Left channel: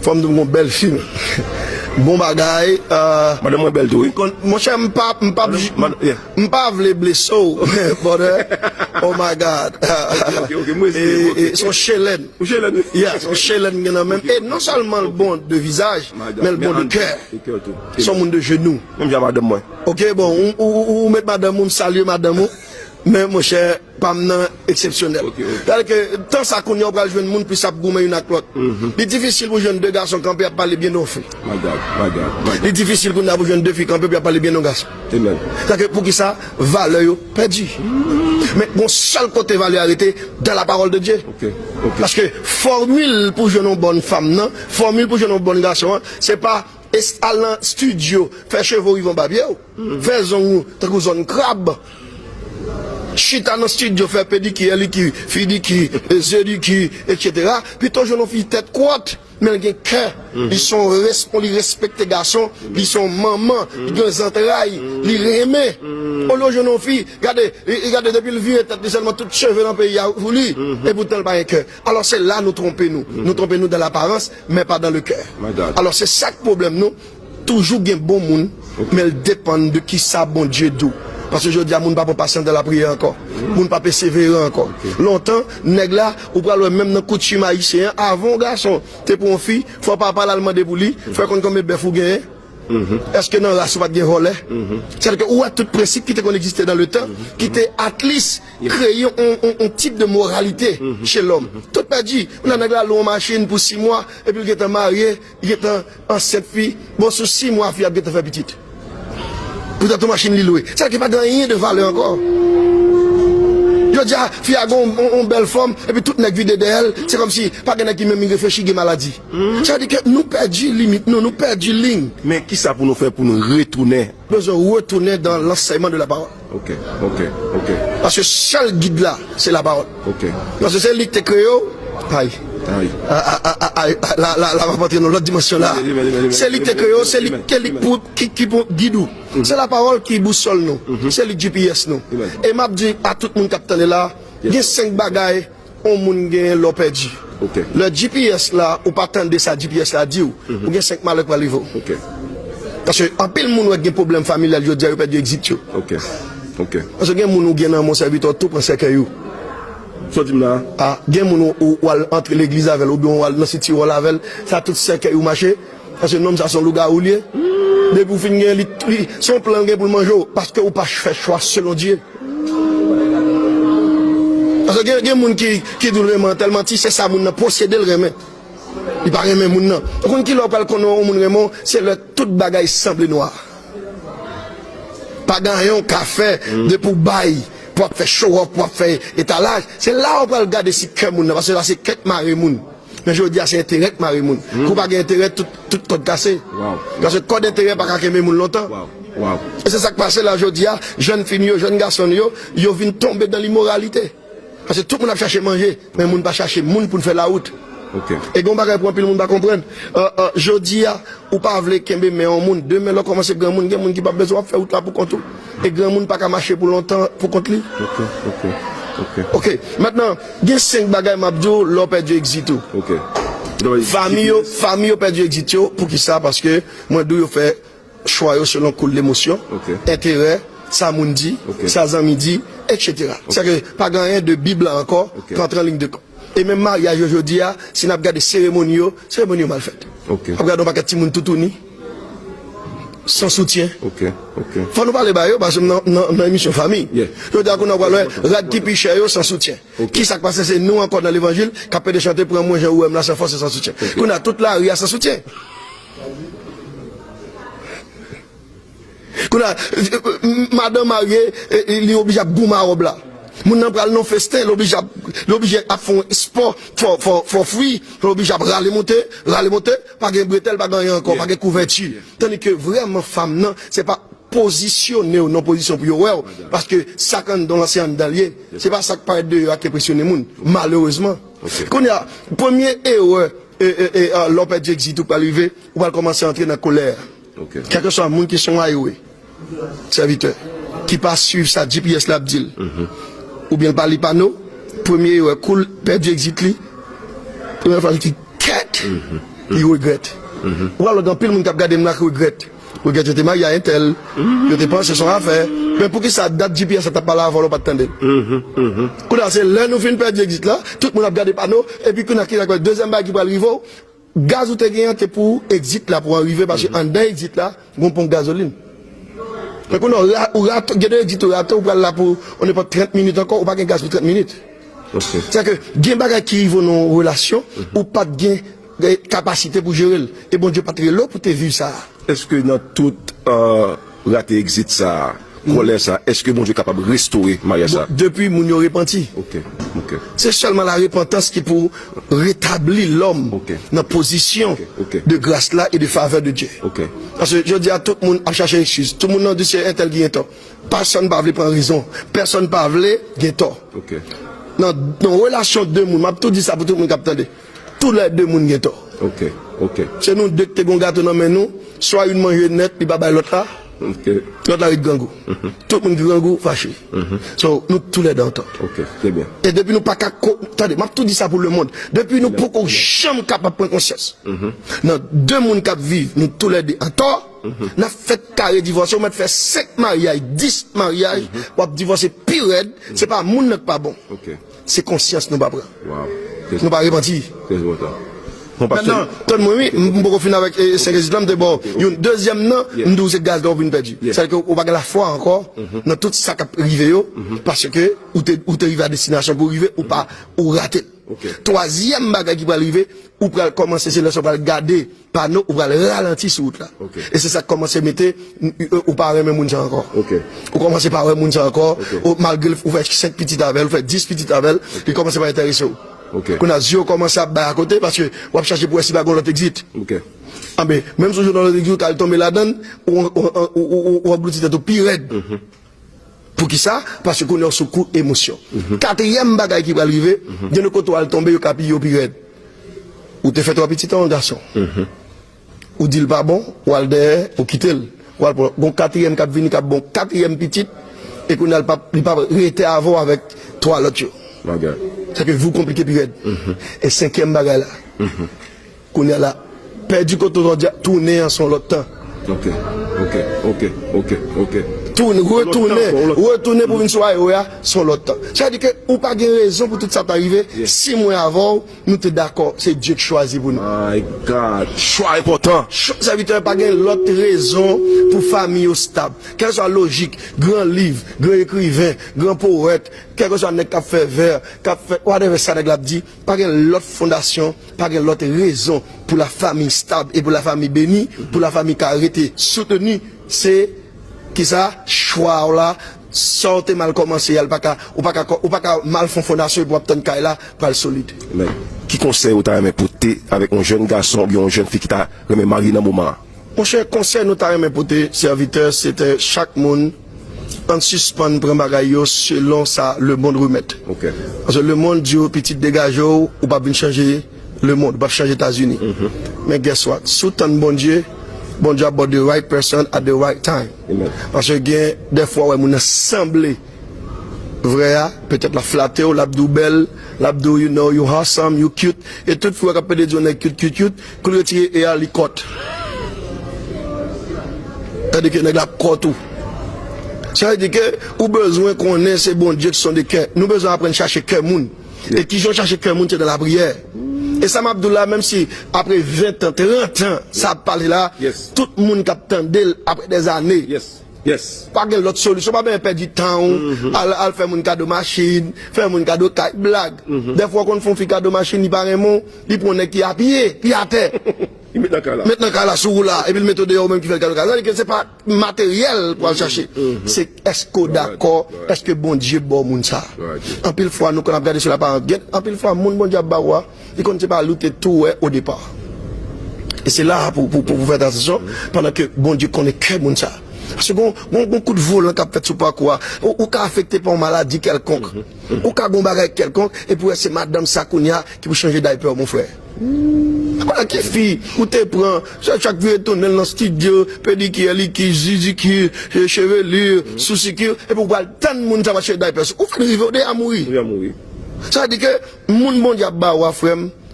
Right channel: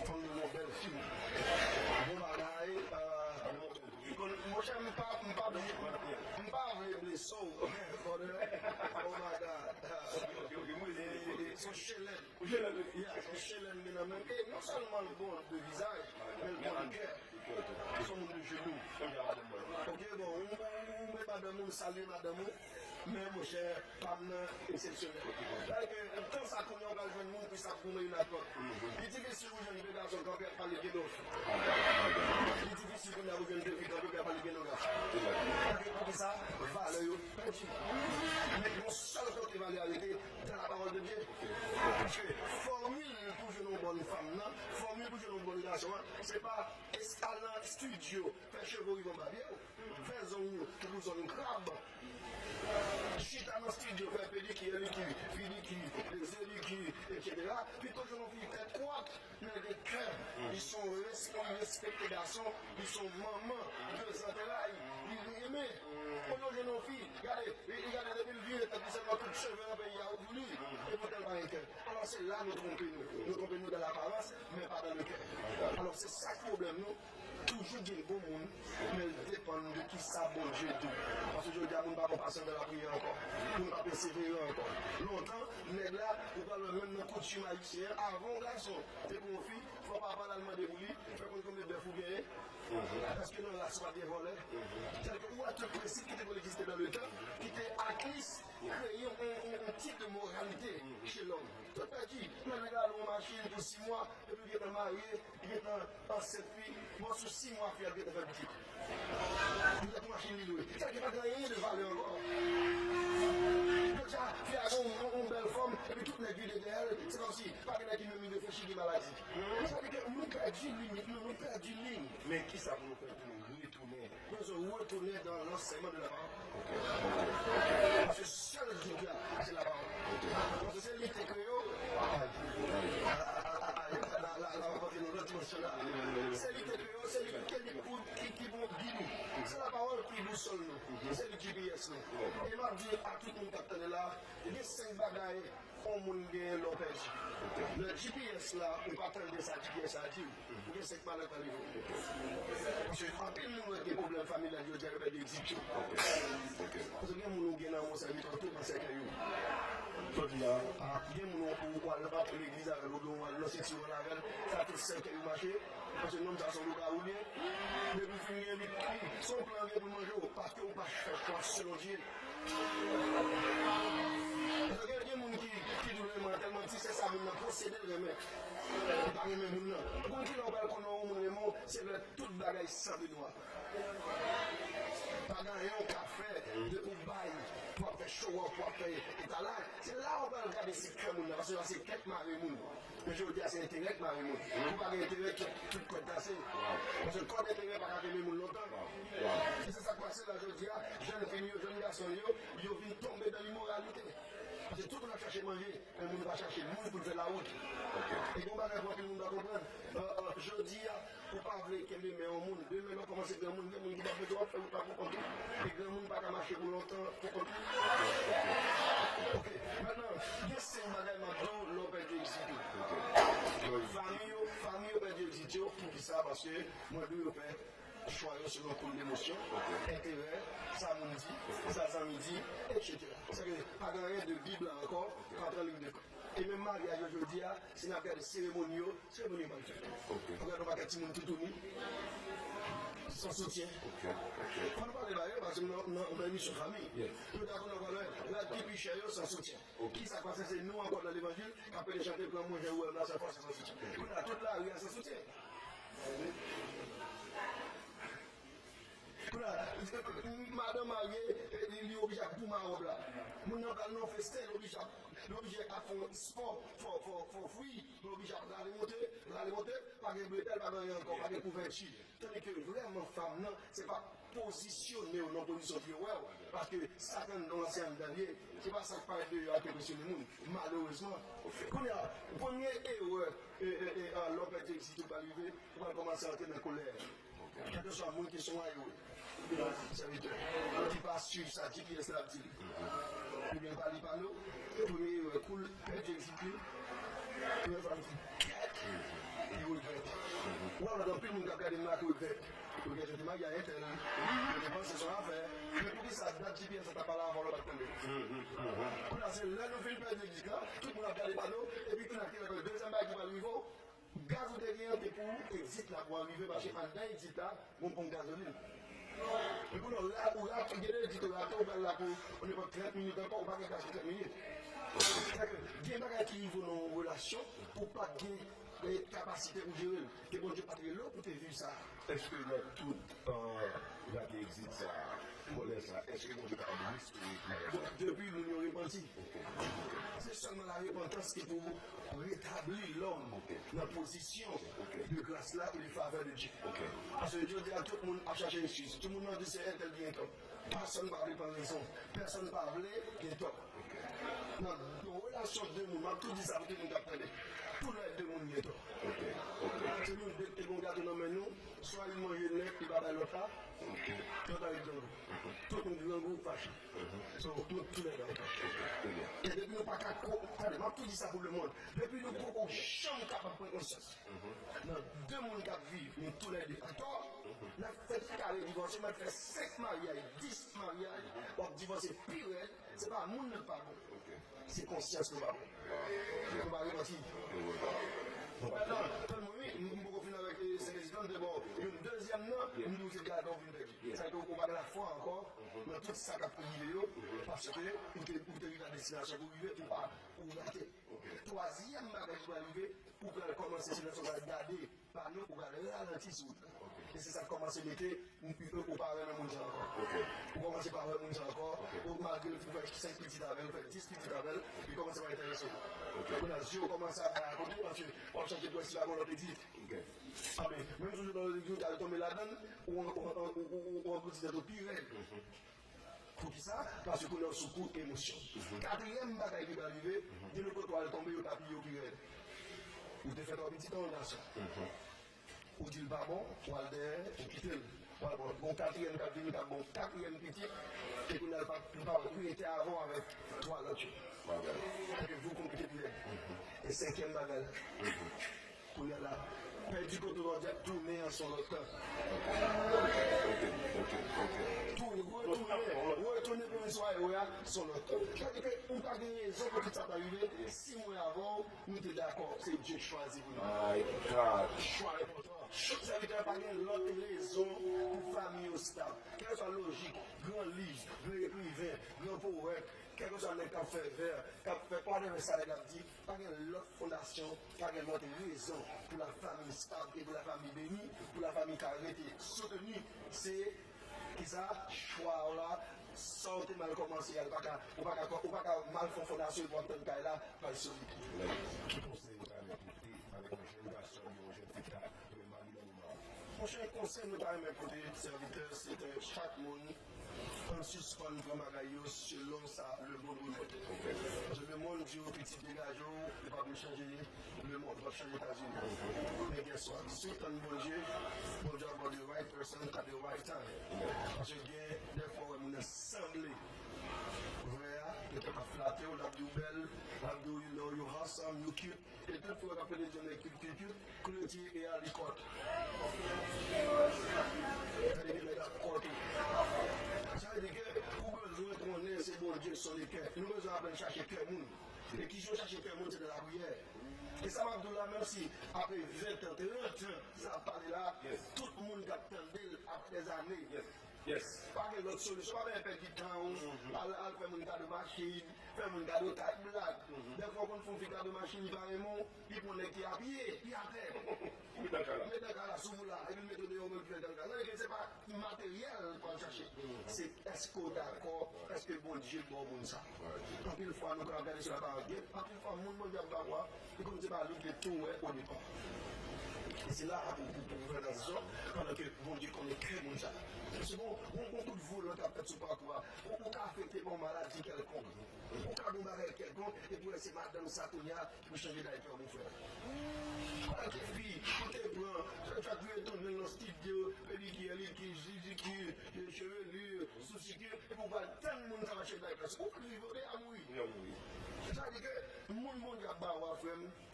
Femme de mon belle film. Bon bagaille. Madame, moi, belle, oui. Mon cher, m'pas vle blesser. Oh my God. Et son chélène. Yeah, son chélène, même. Et non seulement le bon de visage, mais le bon de cœur. Son monde de genoux. Même j'ai madame, moi. Ok, bon, ou mettre madame, ou saluer madame. Mais mon cher, pas exceptionnel. C'est-à-dire que tant ça qu'on y a joué le monde, puis ça gourmet une à l'autre. C'est difficile pour jeunes deux garçons camper à parler bien aux filles. C'est difficile pour nous jeunes deux filles camper à parler bien aux garçons. C'est-à-dire que pour qui ça, valeur perdu. Mais mon seul côté valeur arrêté dans la parole de Dieu. Parce que formule pour jeunes bonnes femmes, non, formule pour jeunes bonnes garçons, c'est pas aller en studio, faire chevaux ils vont babier, faire zone crabe. Chita dans le studio, faire pédicure, fidicure, zédicure, etc. Puis toujours, on fait tête courte, mais ils ont cœur. Ils sont respectent les garçons, ils sont maman, ils ont des entrailles, ils aiment. Aujourd'hui, on fait, regardez, depuis le vieux, tête seulement toutes cheveux dans le pays, et pourtant, il pas un cœur. Alors, c'est là, nous trompons-nous. Nous trompons-nous dans l'apparence, mais pas dans le cœur. Alors, c'est ça le problème, nous. Toujours, il y a un bon monde, mais il dépend de qui ça, bon Dieu, d'où. Parce que je dis à mon papa patient dans la prière encore. Mon papa persévérer encore. Longtemps, nèg là, ou pral même dans coutume haïtien, avant garçon, t'es pour une fille, faut pas parler allemand de bouli, faut qu'on comme bœuf ou gagner. Est-ce que non, là, ça va gagner relais? C'est-à-dire que, ou à tout principe qui existait dans le temps, qui était at least créé un type de moralité chez l'homme. Tout pas dit, on a nèg là, l'on machine pour 6 mois, et puis il est marié, il est en 7 filles, bon, sur 6 mois, il a fait petite. Pour ta machine li loué. C'est-à-dire qu'il n'y a pas rien de valeur encore. Je dis, fille a une belle forme, et puis toute nèg vide d'elle, c'est comme si, pas quelqu'un qui même réfléchit à maladie. C'est-à-dire que nous perdons limite, nous perdons ligne. Mais qui ça pour nous faire pour nous retourner? Nous devons retourner dans l'enseignement de la parole. Ok. Parce que seul guide là, c'est la parole. Parce que c'est lui qui te crée, aïe. Là, on va entrer dans l'autre dimension là. C'est lui qui te crée, c'est lui qui guide nous. C'est la parole qui boussole nous. C'est le GPS nous. Et m'a dit à tout le monde qui est là, il y a 5 bagailles, on monde gagne l'eau perdu. Le GPS là, ou pas attendre ça, GPS là, dit ou il y a 5 malheurs pour arriver. Parce que en pile monde a des problèmes familiaux, je dis, il perdu exit. Parce que il y a des gens qui dans mon serviteur tout pour cercueil. Ah, il y a des gens qui entre l'église avec ou bien dans le city avec ça tout cercueil ou marché. Parce que nom ça son loup-garou lié. Depuis vous finir son plan pour manger parce que ou pas faire choix selon Dieu. Parce que il y a des gens qui disent vraiment tellement si c'est ça moun posséder le remède. Il pas remède moun non. Kon qui leur parle qu'on moun remède, c'est le toute bagaille semble noir. Pas gagnon café de pour bail. Pour faire show up, pour faire étalage, c'est là où on va regarder si cœur moun parce que là c'est quête maré moun. Mais je dis c'est intérêt maré moun. Pour pas intérêt tout code cassé. Parce que code intérêt pas qu'aimer moun longtemps. Et c'est ça qui passe là aujourd'hui, jeunes filles, jeunes garçons yo viennent tomber dans l'immoralité. Parce que tout le monde a cherché à manger, mais moun pas chercher moun pour faire la route. Et gon bagay pour le monde pas comprendre. Jodi a ou pas vle kembe mais en monde demain là commencer grand monde qui pas besoin faire route là pour compte. Et grand monde pas qu'à marcher pour longtemps pour compte lui. OK. Maintenant, il y a 5 bagay m'abdou l'on perdu exit tout. Famille perdu exit pour qui ça parce que moi dou yo fait choix selon cool l'émotion, intérêt, ça moun dit, ça zami dit, etc. C'est que pas rien de Bible encore qu'entre en ligne de compte. Et même mariage aujourd'hui, si nous regardons des cérémonies mal faites. Regardons pas que tout tourne sans soutien. Faut nous parler de parce que dans l'émission famille. Je veux dire qu'on a parlé rad qui piche sans soutien. Qui ça passe c'est nous encore dans l'évangile qui a de chanter pour moi Jean ou là sans force sans soutien. Qu'on a toute la rue sans soutien. Qu'on a madame mariée il est obligé à boumer à robe là. Mon nan pral non festin, l'oblige à faire sport for free, l'oblige à râler monter, pas de bretelle, pas de rien encore, pas de couverture. Tandis que vraiment femme non, c'est pas positionner ou non position pour ouais parce que ça quand dans l'ancien d'allié, c'est pas ça qui paraît de qui impressionner moun malheureusement. Qu'on a premier erreur l'on peut dire exit ou pas arriver, on va commencer à entrer dans la colère. Quel que soit moun qui sont aïoué. Serviteur qui pas suivre sa GPS l'abdil. Ou bien par les panneaux, premier cool, perdu exit li. Première fois qui quête. qui regrette. Ou alors, dans pile, moun kap gade mna qui regrette. Regrette, j'étais marié à un tel, je te pense, c'est son affaire. Mais pour qui ça date GPS, ça t'a pas là avant, on pas attendre. Quand c'est là, nous finissons perdre exit là, tout le monde a regardé panneau, et puis qu'on a le deuxième bague qui va arriver, gaz ou t'es gagné pour exit là, pour arriver, parce qu'en d'un exit là, on pompe gasoline. Mais quand on a deux exit, on va là pour, on n'est pas 30 minutes encore, on pas de gaz pour 30 minutes. C'est-à-dire que, il y a des bagages qui arrivent dans nos relations, ou pas de capacité pour gérer. Et bon Dieu, pas très long pour te vivre ça. Est-ce que dans tout raté exit ça, colère ça, est-ce que bon Dieu est capable de restaurer Maria ça? Depuis mon yo repenti. Ok. C'est seulement la repentance qui pour rétablir l'homme dans la position de grâce là et de faveur de Dieu. Parce que je dis à tout le monde à chercher une excuse. Tout le monde dit c'est un tel qui est tort. Personne ne peut pas prendre raison. Personne ne peut pas gagner tort. Dans la relation de deux mondes, je tout dit ça pour tout le monde qui attendait. Tous les deux mondes ont tort. C'est nous deux qui avons gâteau dans nous, soit une mange net, puis pas l'autre là. L'autre là, il gangou. Tout le monde qui gangou, fâché. So, nous tous les deux en tort. C'est bien. Et depuis nous pas attendez, je tout dit ça pour le monde. Depuis nous pour qu'on jamais capable de prendre conscience. Dans deux mondes qui vivent, nous tous les deux en tort. Nous fait carré divorce, on fait 5 mariages, 10 mariages, pour divorcer pire, c'est pas monde n'est pas bon. C'est conscience nous pas prendre. Nous pas repentir. Maintenant, tout le monde, je vais finir avec 5 résidents de bord. Deuxième, non, nous c'est gaz d'or une perdu. C'est-à-dire qu'on va la foi encore dans tout ça qui arrive, parce que ou tu arrives à destination pour arriver ou pas, ou rater. Troisième bagage qui va arriver, ou pour commencer, c'est là, on va garder panneau, ou va ralentir sur route là. Et c'est ça qui commence à mettre, ou pas même moun encore. Ou commencer par un moun encore, malgré vous faites 5 petites avelles, vous faites 10 petites avelles, il commence à intéresser. Qu'on a yeux commencé à battre à côté parce que on va chercher pour essayer de l'autre exit. Ah ben, même si dans l'autre exit, tu as tombé là-dedans, on aboutit au pire raide. Pour qui ça? Parce qu'on est sous coup émotion. Quatrième bagaille qui va arriver, de nos côtés, on va tomber au capi au pire raide. Ou te fait 3 petits ans, garçon. Ou dit le pas bon, ou al derrière, ou quitter le. Ou al bon quatrième cap vini cap bon quatrième petite, et qu'on n'a pas arrêté avant avec 3 l'autre. C'est que vous compliquez plus. Et cinquième bagage là, qu'on est là, perdu quand on doit tourner en son lot de temps. Retourner pour une soirée, son lot de temps. C'est-à-dire que, ou pas de raison pour tout ça t'arriver, 6 mois avant, nous sommes d'accord, c'est Dieu qui choisit pour nous. My God, choix important. Ça veut dire pas de l'autre raison pour famille au stable. Quelle soit logique, grand livre, grand écrivain, grand poète, quel que soit un qui a fait vers, qui a fait, whatever ça l'a dit, pas de l'autre fondation, pas de l'autre raison pour la famille stable et pour la famille bénie, pour la famille qui a été soutenue, c'est qui ça, choix là, sortez mal commencé, ou pas mal fond fondation pour obtenir une là, pour être solide. Qui conseille ou t'as porté avec un jeune garçon ou une jeune fille qui t'a remis marié dans le moment? Mon cher conseil, nous t'avons porté serviteur, c'était chaque monde en suspend pour bagaille selon ça le monde remettre. Parce que le monde dit petit dégage ou pas bien changer le monde, pas changer les États-Unis. Mais guess what? Sous tant bon Dieu about the right person at the right time. Parce que des fois ouais mon semblé vrai peut-être la flatter ou l'abdou belle, l'abdou you know you handsome, you cute et toute fois qu'après des journées cute que retirer et à l'icôte. C'est-à-dire que nèg la côte tout. C'est-à-dire que ou besoin qu'on ait ces bons dieux qui sont des cœurs. Nous besoin apprendre chercher cœur moun. Et qui ont cherché cœur moun c'est dans la prière. Et ça m'a Abdullah, même si après 20 ans, 30 ans, ça parle là, tout le monde qui attendait après des années. Pas de l'autre solution, pas bien perdre du temps, à faire mon cadeau machine, faire mon cadeau blague. Des fois qu'on fait un cadeau machine, il paraît mon, il prend un qui a pied, puis à terre. Maintenant qu'à la sous là, et puis le méthode dehors même qui fait le cadeau. C'est-à-dire que c'est pas matériel pour aller chercher. C'est est-ce que d'accord, est-ce que bon Dieu bon moun ça. En pile fois, nous, quand on a regardé sur la parole, en pile fois, mon bon Dieu baroua, il ne sait pas lutter tout au départ. Et c'est là pour vous faire attention, pendant que bon Dieu connaît que moun ça. Parce que bon coup de vol qui a fait sur parcours, ou qui a affecté par une maladie quelconque, ou qui a un bagage quelconque, et puis c'est Madame Sakounia qui peut changer d'hyper, mon frère. Voilà qui fille, où tu prends, chaque vie tourne dans le studio, pédicure, liquide, zizicure, chevelure, sous-sicure, et pour voir tant de monde ça va changer d'hyper. Où fait arriver à mourir? Ça veut dire que, mon Dieu, bah, frère,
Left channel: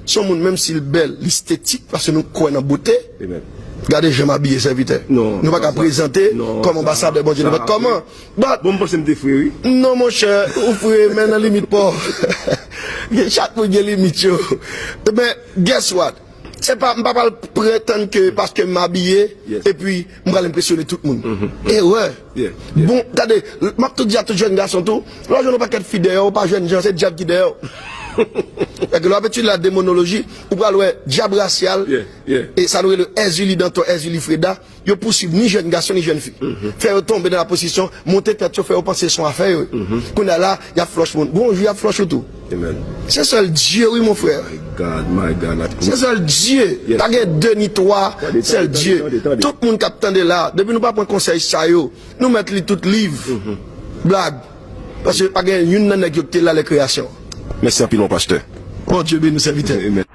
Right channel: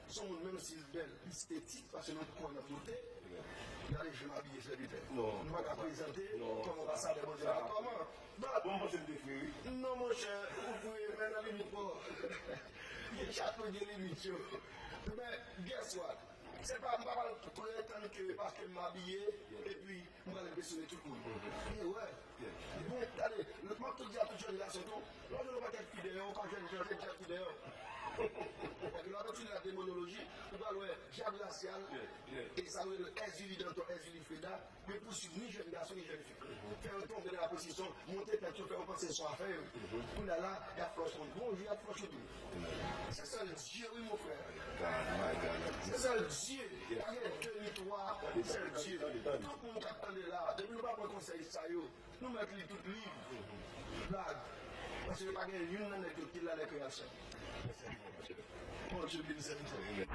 son monde, même s'il est belle, l'esthétique, parce que nous croyons en beauté. Amen. Regardez, je m'habille serviteur. Non, nous pas qu'à présenter non, comme ambassadeur bon Dieu. Comment? Bon, moi, c'est me frère, oui. Non, mon cher, vous pouvez maintenant limite pas. Chaque fois, il y a limite. Mais, guess what? C'est pas, je ne pas prétendre que parce que je m'habille, Yes. et puis, je vais impressionner tout le monde. Et ouais. Yeah. Bon, regardez, je te dis à tout jeune garçon, tout, là, je ne pas qu'être fidèle, pas jeune gens, c'est diable qui dehors. Et que l'habitude de la démonologie, ou pas le diable racial, et ça nous est le Ezuli Danton, Ezuli Freda, ils poursuivent ni jeune garçon ni jeune fille. Faire tomber dans la position, monter tête, faire penser son affaire. Qu'on a là, il y a flush monde. Bonjour, il y a flush tout. Amen. C'est seul Dieu, oui, mon frère. My God. C'est seul Dieu. Yes. T'as deux ni trois, c'est le Dieu. Attendez. Tout le monde qui attend de là, depuis nous pas prendre conseil ça yo, nous mettre les tout livre. Blague. Parce que pas une nan qui là les créations. Merci à pilon, pasteur. Bon Dieu bénisse serviteur. Amen.